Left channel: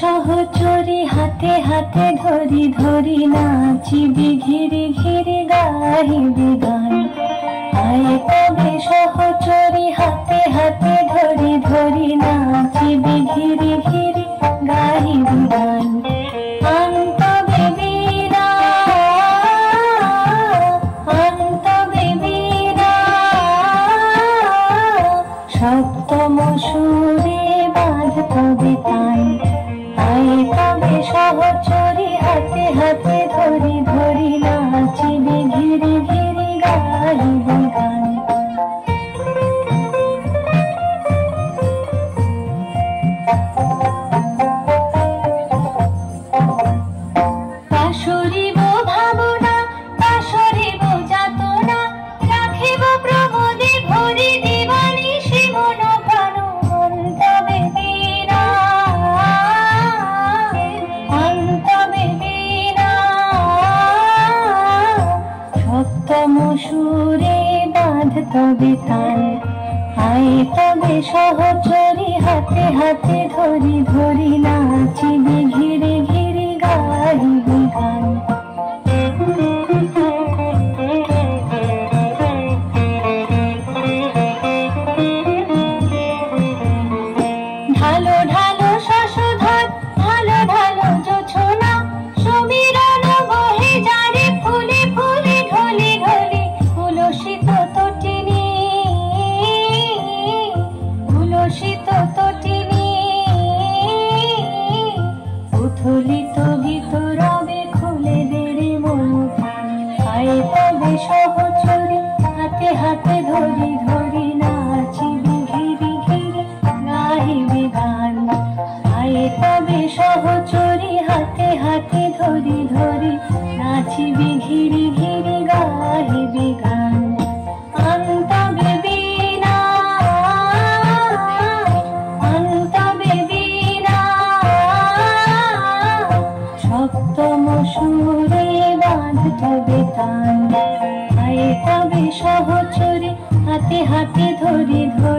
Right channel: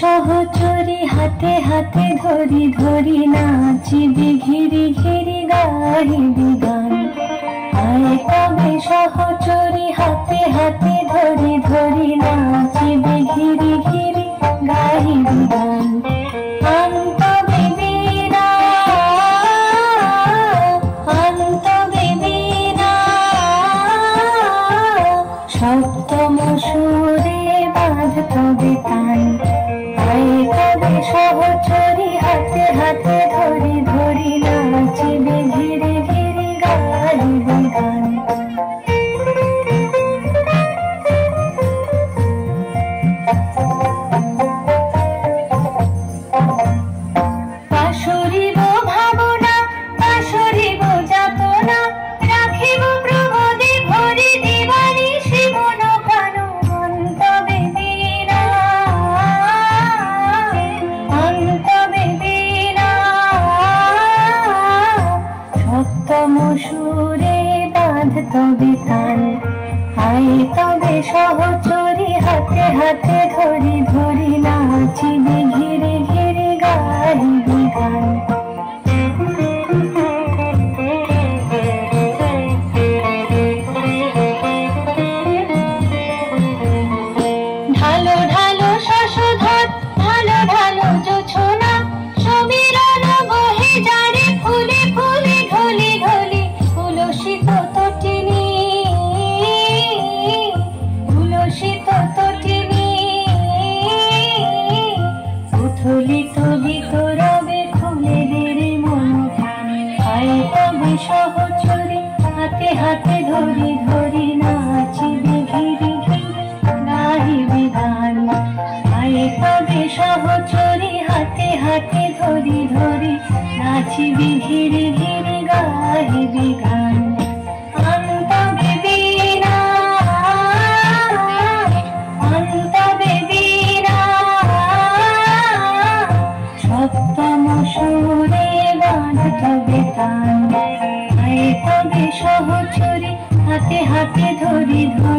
সহচরি হাতে হাতে ধরি ধরি নাচিবি ঘিরি ঘিরি গাহিবি গান। আয় তবে সহচরি হাতে হাতে ধরি ধরি নাচিবি ঘিরি ঘিরি গাহিবি গান। সপ্তম সুরে বাঁধ তবে তান। তবে সহচরি হাতে হাতে ধরি ধরি নাচিবি ঘিরে ঘিরে গাহিবি গান। পাশরিব ভাবনা পাশরিব যাতনা রাখিব প্রমোদে ভরি দিবানি শিবন ভানু তবে বীণা। সপ্তম সুরে বাঁধ তবে তান। আয় তবে সহচরি হাতে হাতে ধরি ধরি নাচিবি ঘিরে ঘিরে গাহিবি গান। ঢালো ঢালো শশধর ঢালো ঢালো জোছনা সমীরণ বহে যারে ফুলে ফুলে ঢলে ঢলে উলসিত তটিনী উলসিত তটিনী। উথলিত গীত রবে খুলে দেরে মন। আয় তবে সহচরি হাতে হাতে ধরি ধরি নাচিবি ঘিরি ঘিরি গাহিবি গান। আয় তবে সহচরি হাতে হাতে ধরি ধরি নাচিবি ঘিরি ঘিরি গাহিবি গান। তবে বীণা তবে বীণা। সপ্তম সুরে বাঁধ তবে তান। আয় তবে সহচরি হাতে হাতে ধরি ধরি